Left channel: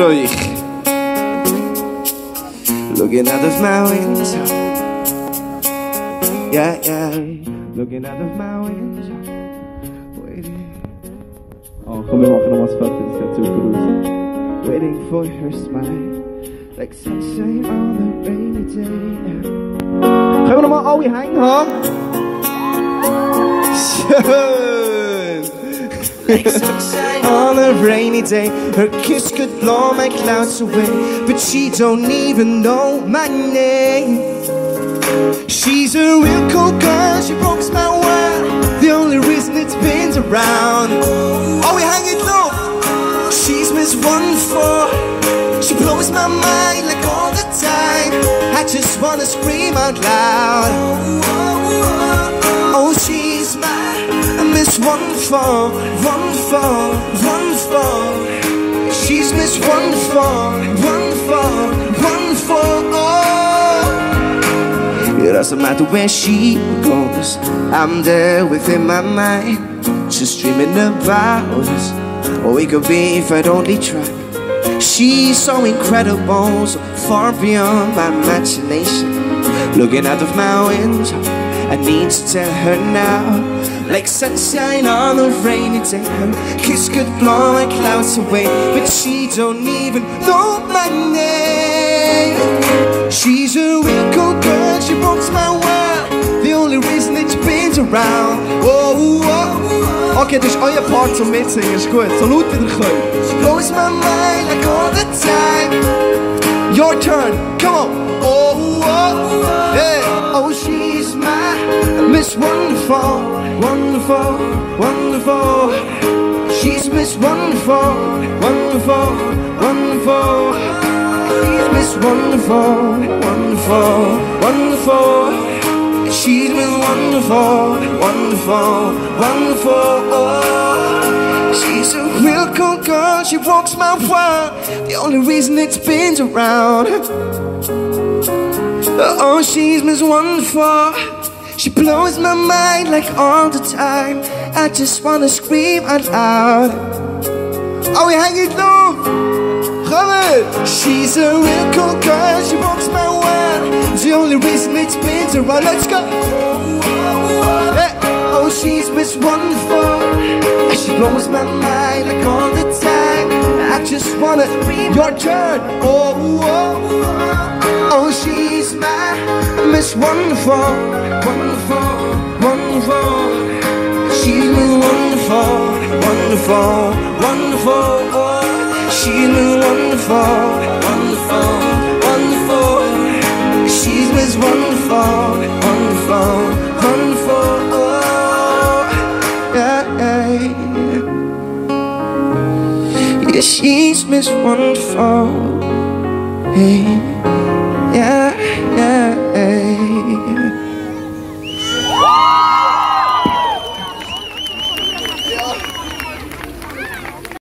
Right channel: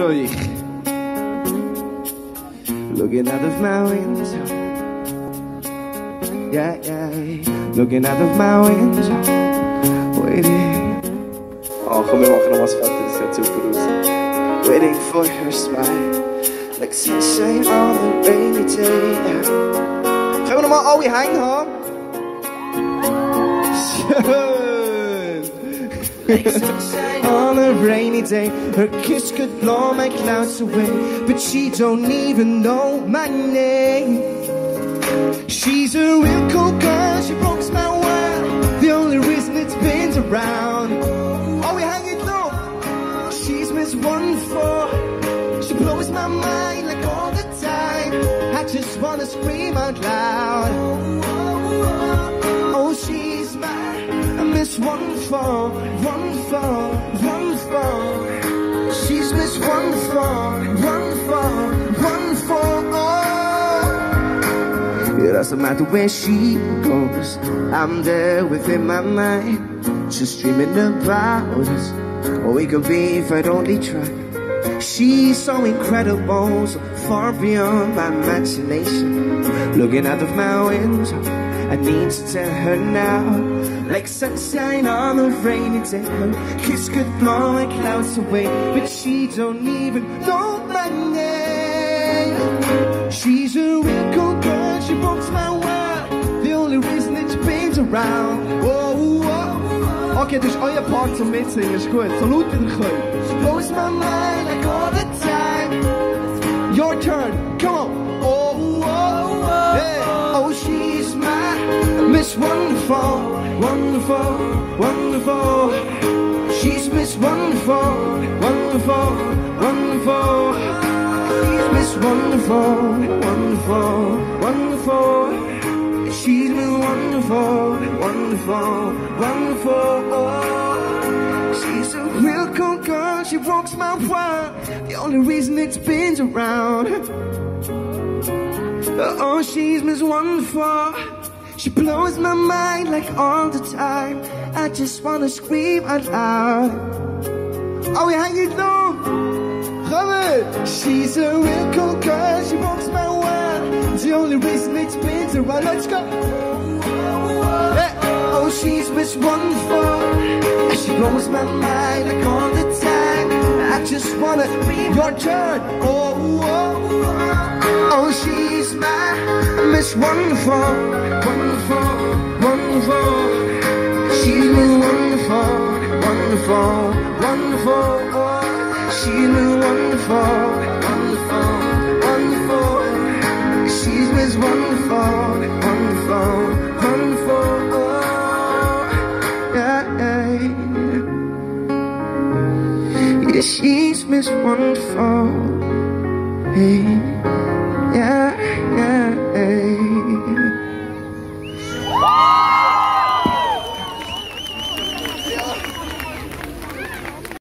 Zürich. Looking out of my window. Yeah, yeah. Looking out of my window. Waiting. Oh, komm, wir machen noch was fertig. Das sieht super aus. Waiting for her smile. Like sunshine on a rainy day. Können wir noch mal alle Hänge haben? Schön! On a rainy day, her kiss could blow my clouds away, but she don't even know my name. She's a real cool girl, she rocks my world, the only reason it's been around. Oh, we hang it low. She's Miss Wonderful, she blows my mind like all the time. I just wanna scream out loud. Oh, she's my Miss Wonderful, wonderful, wonderful. She's Miss Wonderful, wonderful, wonderful. Oh, it doesn't matter where she goes, I'm there within my mind, just dreaming about us. What we could be if I'd only try. She's so incredible, so far beyond my imagination. Looking out of my window, I need to tell her now. Like sunshine on a rainy day, her kiss could blow my clouds away, but she don't even know my name. She's a real cool girl, she rocks my world, the only reason it's been around. Oh, oh. Okay, das ist euer Part zum Mitsingen, ist gut, so laut wie ihr könnt. She blows my mind like all the time. Your turn, come on. Oh, oh, yeah. Oh, she's my Miss Wonderful, wonderful, wonderful. She's Miss Wonderful, wonderful, wonderful. She's Miss Wonderful, wonderful, wonderful. She's Miss Wonderful, wonderful, wonderful. Oh, she's a real cool girl, she walks my world, the only reason it's been around. Oh, she's Miss Wonderful, she blows my mind like all the time. I just wanna scream out loud. Oh, we hang it low. Come on. She's a real cool girl, she rocks my world, the only reason it's been around. Let's go. Yeah. Oh, she's Miss Wonderful, she blows my mind like all the time. I just wanna scream. Your turn. Oh, oh. Oh, she's my Miss Wonderful, wonderful, wonderful. She's Miss Wonderful, wonderful, wonderful. Oh, she's Miss Wonderful, wonderful, wonderful. She's Miss Wonderful, wonderful, wonderful. Oh, yeah, yeah. Yeah, she's Miss Wonderful. Hey. Yeah, yeah, yeah.